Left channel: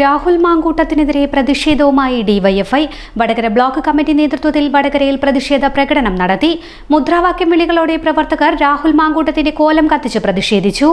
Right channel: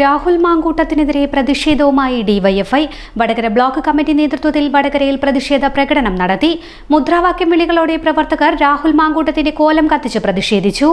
രാഹുൽ മാങ്കൂട്ടത്തിനെതിരെ പ്രതിഷേധവുമായി DYFI. Vadakara block committee നേതൃത്വത്തിൽ വടകരയിൽ പ്രതിഷേധ പ്രകടനം നടത്തി. മുദ്രാവാക്യം വിളികളോടെ പ്രവർത്തകർ രാഹുൽ മാങ്കൂട്ടത്തിന്റെ കോലം കത്തിച്ച് പ്രതിഷേധിച്ചു.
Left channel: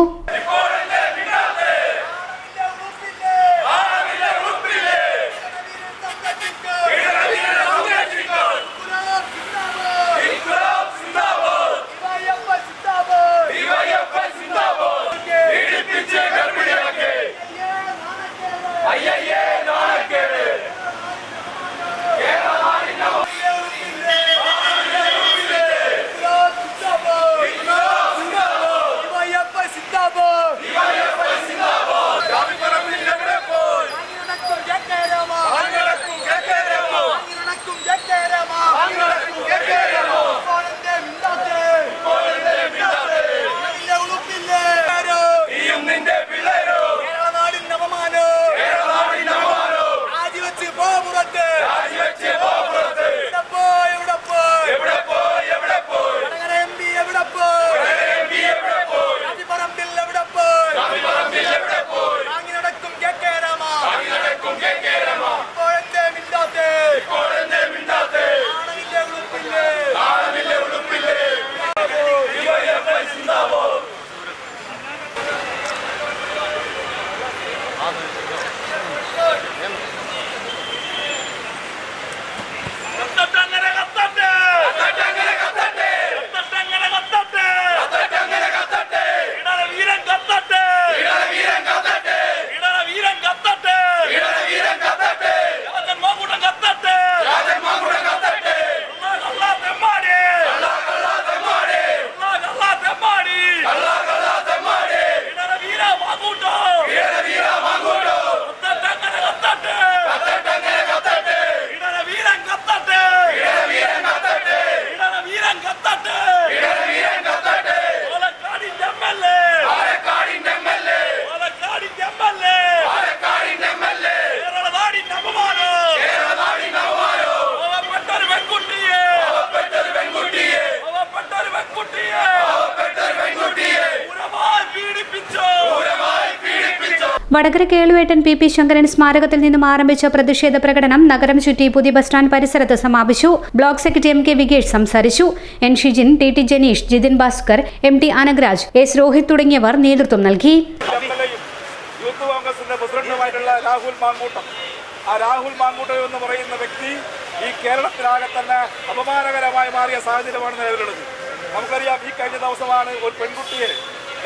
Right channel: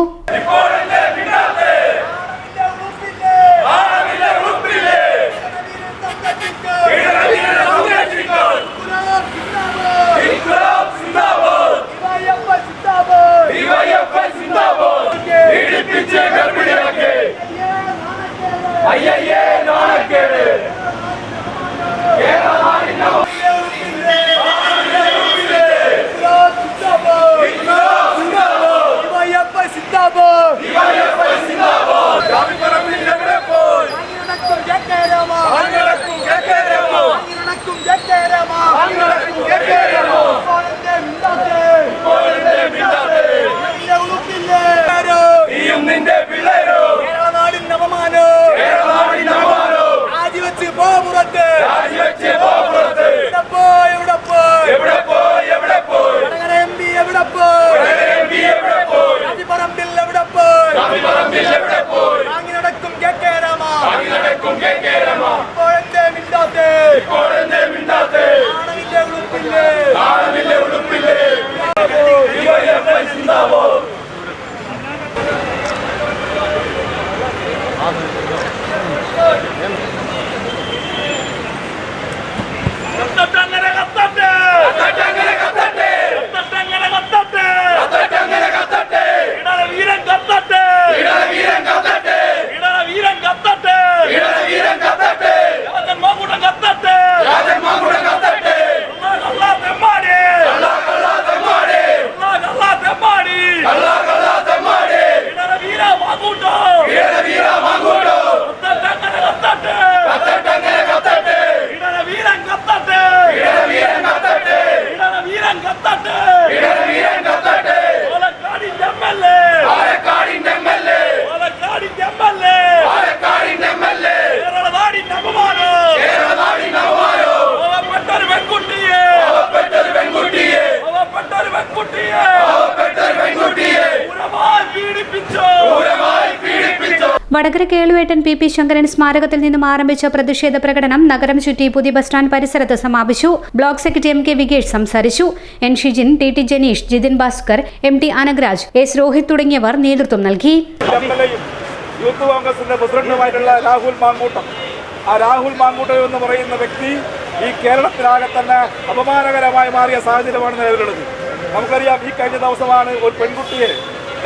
വടകര കേളുവേട്ടൻ പി ശങ്കരൻ സ്മാരകത്തിൽ നിന്നും ആരംഭിച്ച പ്രതിഷേധ പ്രകടനം നഗരം ചുറ്റി പുതിയ ബസ് സ്റ്റാൻഡ് പരിസരത്ത് സമാപിച്ചു. Block secretary M K Vikesh സംസാരിച്ചു. N Shijin, T Janeesh, Jithin Bhaskar, MT Anagraj, S Rohith തുടങ്ങിയവർ നേതൃത്വം നൽകി. യൂത്ത് കോൺഗ്രസിന്റെ പ്രസിഡന്റുമായിട്ടുള്ള രാഹുൽ മാങ്കൂട്ടം എന്ന് പറയുന്ന വ്യക്തി ഈ കേരളത്തിലാകെ തന്നെ അപമാനകരമായി മാറിയ സാഹചര്യമാണ് നിലവിലുള്ളത്. നമുക്കറിയാം, ഈ കഴിഞ്ഞ ദിവസമാണ് ഒരു പെൺകുട്ടിയെ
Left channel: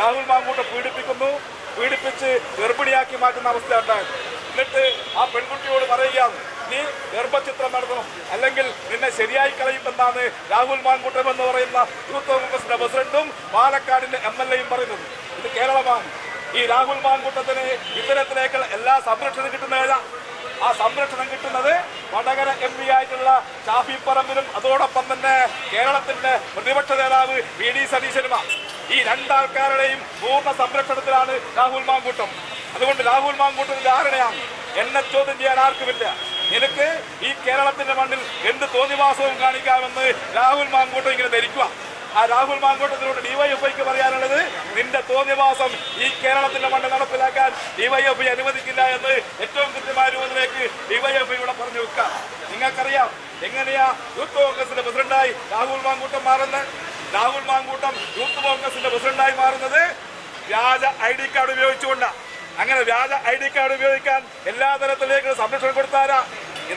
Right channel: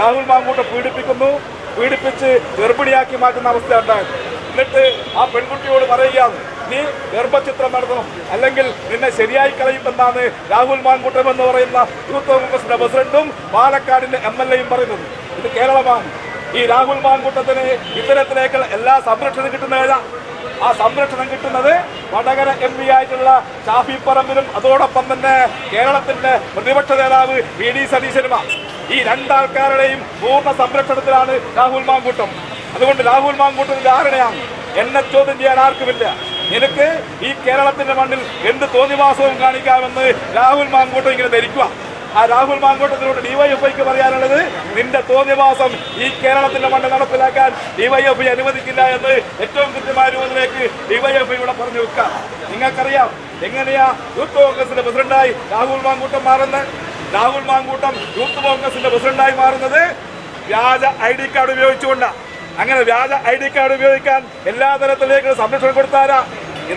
രാഹുൽ മാങ്കൂട്ടം പീഡിപ്പിച്ച് ഗർഭിണിയാക്കി മാറ്റുന്ന അവസ്ഥ ഉണ്ടായത്. എന്നിട്ട് ആ പെൺകുട്ടിയോട് പറയുകയാണ്, നീ ഗർഭചിത്രം നടത്തണം, അല്ലെങ്കിൽ നിന്നെ ശരിയായി കളയുമെന്നാണ് രാഹുൽ മാങ്കൂട്ടം എന്ന് പറയുന്ന യൂത്ത് കോൺഗ്രസിന്റെ പ്രസിഡന്റും പാലക്കാടിന്റെ MLA പറയുന്നത്. ഇത് കേരളമാണ്. ഈ രാഹുൽ മാങ്കൂട്ടത്തിന് ഇത്തരത്തിലേക്കുള്ള എല്ലാ സംരക്ഷണം കിട്ടുന്നതല്ല. ആ സംരക്ഷണം കിട്ടുന്നത് വടകര MP ആയിട്ടുള്ള ഷാഫി പറമ്പിലും അതോടൊപ്പം തന്നെ കേരളത്തിന്റെ പ്രതിപക്ഷ നേതാവ് VD സതീശനുമാണ്. ഈ രണ്ടാൾക്കാരുടെയും പൂർണ്ണ സംരക്ഷണത്തിലാണ് രാഹുൽ മാങ്കൂട്ടം. അതുകൊണ്ട് രാഹുൽ മാങ്കൂട്ടത്തിന് ധാരണയാണ്, എന്നെ ചോദ്യം ചെയ്യാൻ ആർക്കുമില്ല. നിനക്ക് ഈ കേരളത്തിന്റെ മണ്ണിൽ എന്ത് തോന്നിവാസവും കാണിക്കാമെന്ന് രാഹുൽ മാങ്കൂട്ടം ഇങ്ങനെ ധരിക്കുക. ആ രാഹുൽ മാങ്കൂട്ടത്തിനോട് ഡിവൈഎഫ്ഐക്ക് പറയാനുള്ളത്, നിന്റെ തോന്നിവാസം ഈ കേരളത്തിന്റെ മണ്ണിൽ നടപ്പിലാക്കാൻ ഡിവൈഎഫ്ഐ അനുവദിക്കില്ല എന്ന് ഏറ്റവും കൃത്യമായ രൂപത്തിലേക്ക് ഡിവൈഎഫ്ഐ ഇവിടെ പറഞ്ഞു വെക്കാം. നിങ്ങൾക്കറിയാം എങ്ങനെയാ യൂത്ത് കോൺഗ്രസിന്റെ പ്രസിഡന്റായി രാഹുൽ മാങ്കൂട്ടം മാറുന്നത്. രാഹുൽ മാങ്കൂട്ടം യൂത്ത് കോൺഗ്രസിന്റെ പ്രസിഡന്റായി മാറുന്നത് വ്യാജ ID കാർഡ് ഉപയോഗിച്ചുകൊണ്ടാണ്. അങ്ങനെ വ്യാജ ID കാർഡ് ഉപയോഗിക്കാൻ എല്ലാ തരത്തിലേക്ക് സംരക്ഷണം കൊടുത്താരാ?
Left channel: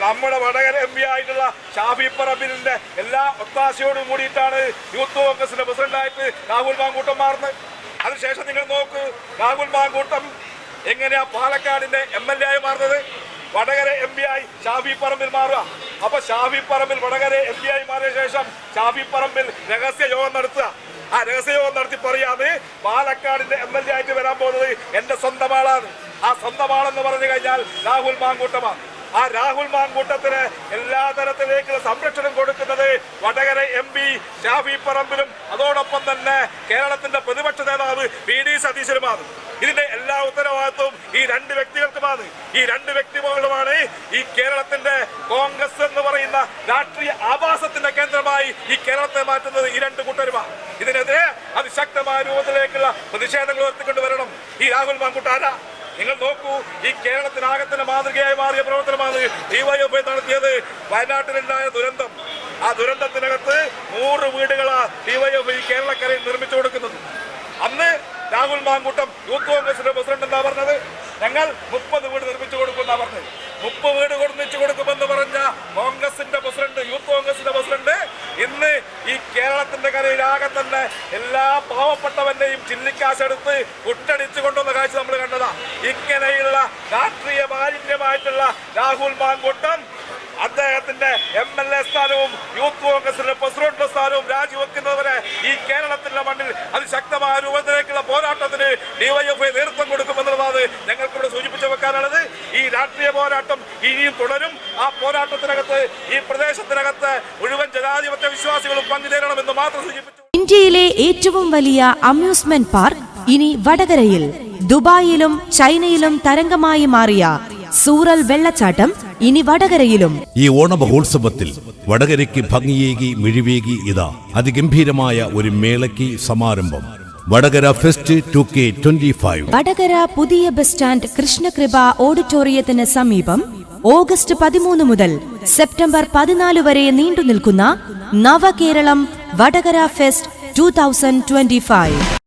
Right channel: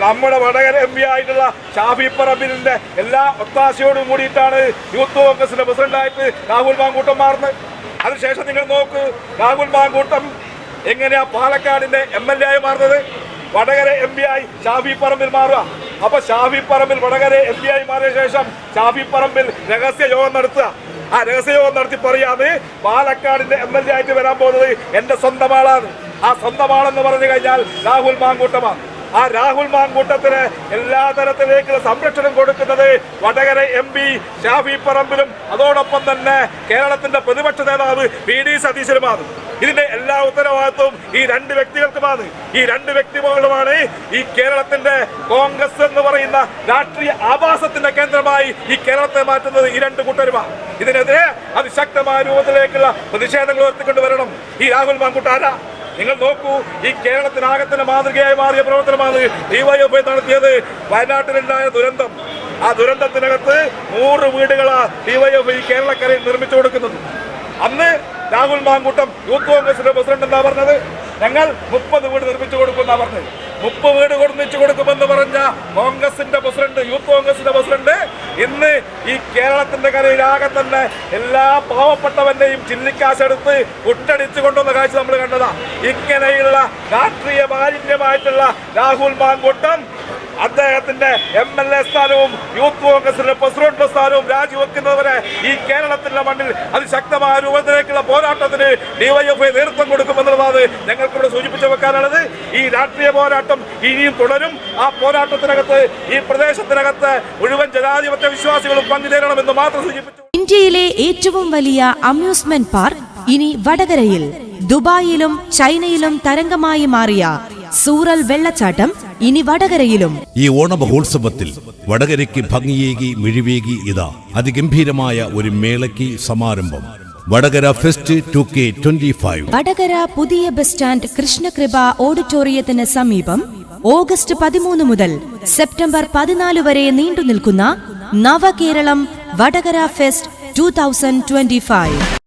നമ്മുടെ വടകര MP ആയിട്ടുള്ള ഷാഫി പറമ്പിലിന്റെ എല്ലാ ഒത്താശയോടും കൂടിയിട്ടാണ് യൂത്ത് കോൺഗ്രസിന്റെ പ്രസിഡന്റായിട്ട് രാഹുൽ മാങ്കൂട്ടം മാറുന്നത്. അതിനുശേഷം നിങ്ങൾ നോക്ക്, രാഹുൽ മാങ്കൂട്ടം എങ്ങനെയാ പാലക്കാടിന്റെ MLA ആയി മാറുന്നത്? വടകര MP ആയി ഷാഫി പറമ്പിൽ മാറുക. അപ്പൊ ഷാഫി പറമ്പിൽ വടകര MP ആയി മാറിയ ശേഷം ഷാഫി പറമ്പിൽ രഹസ്യ യോഗം നടത്തുക. ആ രഹസ്യയോഗം നടത്തി പറയാതെ പാലക്കാടിന്റെ MLA ആയിട്ട് വരാൻ പോകുന്നത് എന്റെ സ്വന്തം ആളാണ്. ആ സ്വന്തം ആളെന്ന് പറഞ്ഞു കഴിഞ്ഞാൽ രാഹുൽ മാങ്കൂട്ടമാണ്. ആ രാഹുൽ മാങ്കൂട്ടത്തിന് എല്ലാ തരത്തിലേക്കുള്ള സംരക്ഷണം കൊടുക്കുന്നത് വടകര MP ഷാഫി പറമ്പിലും അതോടൊപ്പം തന്നെ കേരളത്തിന്റെ പ്രതിപക്ഷ നേതാവ് PD സതീശനുമാണ്. ഇതിന്റെ എല്ലാ ഉത്തരവാദിത്വവും ഈ രണ്ട് വ്യക്തികൾക്കുമാണ്. ഈ രണ്ട് വ്യക്തികളുമാണ് ഈ കേരളത്തിന്റെ കോൺഗ്രസ് എന്ന് പറയുന്ന രാഷ്ട്രീയ ആവാസത്തിന്റെ കേന്ദ്രമായി ഈ കേരളത്തെ മാറ്റുന്നത് ഈ രണ്ട് കൂട്ടരുമാണ്. ഇതിനെതിരെ അതിശക്തമായ രൂപത്തിലേക്കുള്ള പ്രതിഷേധങ്ങൾ ഉയർത്തിക്കൊണ്ടുവരണം. ഈ രാഹുൽ മാങ്കൂട്ടം ആരാ? നിങ്ങൾ നോക്കൂ, ഈ കേരളത്തിനാകത്തിന്റെ മാതൃകയായി മാറിയ പ്രവർത്തനമാണ് DYFI നടത്തിയത്. വയനാട്ടിലുണ്ടായ ദുരന്തം, ആ ദുരന്തത്തിനകത്ത് 100 വീടുകളാണ് DYFI കേരളക്കരയിൽ നിർമ്മിച്ചു കൊടുക്കുന്നത്. അന്ന് രാഹുൽ മാങ്കൂട്ടം യൂത്ത് കോൺഗ്രസിന്റെ പ്രസിഡന്റ് എന്താ പറഞ്ഞത്? ഞങ്ങൾ 30 വീട് നിർമ്മിച്ചു കൊടുക്കുമെന്നാ പറഞ്ഞത്. 30 വീട് നിർമ്മിച്ചു കൊടുക്കുമെന്ന് പറഞ്ഞ കോൺഗ്രസിന്റെ പ്രസിഡന്റ്, യൂത്ത് കോൺഗ്രസിന്റെ പ്രസിഡന്റ് ഇന്ന് ഈ കേരളത്തിന്റെ കരയിലാകെ തന്നെ എല്ലാ പാവപ്പെട്ടവന്റെയും ചില്ലിക്കാശെടുത്ത് കുട്ടടിച്ചു കൊണ്ടുവന്ന കാഴ്ച നമ്മൾ കണ്ടതാ. ഇങ്ങനെയുള്ള രാഷ്ട്രീയ മാലിന്യമായിട്ടുള്ള രാഹുൽ മാങ്കൂട്ടം അദ്ദേഹത്തിന്റെ MLA സ്ഥാനവും യൂത്ത് കോൺഗ്രസിന്റെ പ്രസിഡന്റ് സ്ഥാനവും രാജിവെക്കുന്നവരെ ഈ കേരളത്തിന്റെ മണ്ണിൽ അതിശക്തമായ രൂപത്തിലേക്കുള്ള പോരാട്ടത്തിന് DYFI നേതൃത്വം കൊടുക്കുമെന്നുള്ളതാണ് ഞങ്ങൾക്കിവിടെ സൂചിപ്പിച്ചു വെക്കാനുള്ളത്. ഈ രാഷ്ട്രീയ പോരാട്ടം ഇനിയും തുടരും. ആ പോരാട്ടത്തിനകത്ത് ഈ പ്രദേശത്തിനകത്ത് മുഴുവൻ ജനാധിപത്യ വിശ്വാസികളും പങ്കുചേരണമെന്ന് മാത്രം സൂചിപ്പിച്ചു. ഇന്ത്യയിലെ ഏറ്റവും വലിയ അമ്യൂസ്മെന്റ് പാർക്ക് ഇനി വടകരയിൽ. ദുബായിലും ചൈനയിലും തരംഗമായി മാറിയ സൂറൽ വെള്ളച്ചാട്ടം ഇനി വടകരയിലും. ഈ ഓണമഹോത്സവത്തിൽ വടകരയ്ക്ക് ഭംഗിയേകി മിഴിവേകി ഇതാ അതിഗംഭീരമായ ഒരു മേളയ്ക്ക് സമാരംഭം. Vadakara fest 2K25. വടകര പുതിയ ബസ് സ്റ്റാൻഡ് കൃഷ്ണകൃപ ഓഡിറ്റോറിയത്തിന് സമീപം ഓഗസ്റ്റ് 13 മുതൽ സെപ്റ്റംബർ 14 വരെ നീണ്ടുനിൽക്കുന്ന നവകേരളം വടകര ഫെസ്റ്റ് 2025.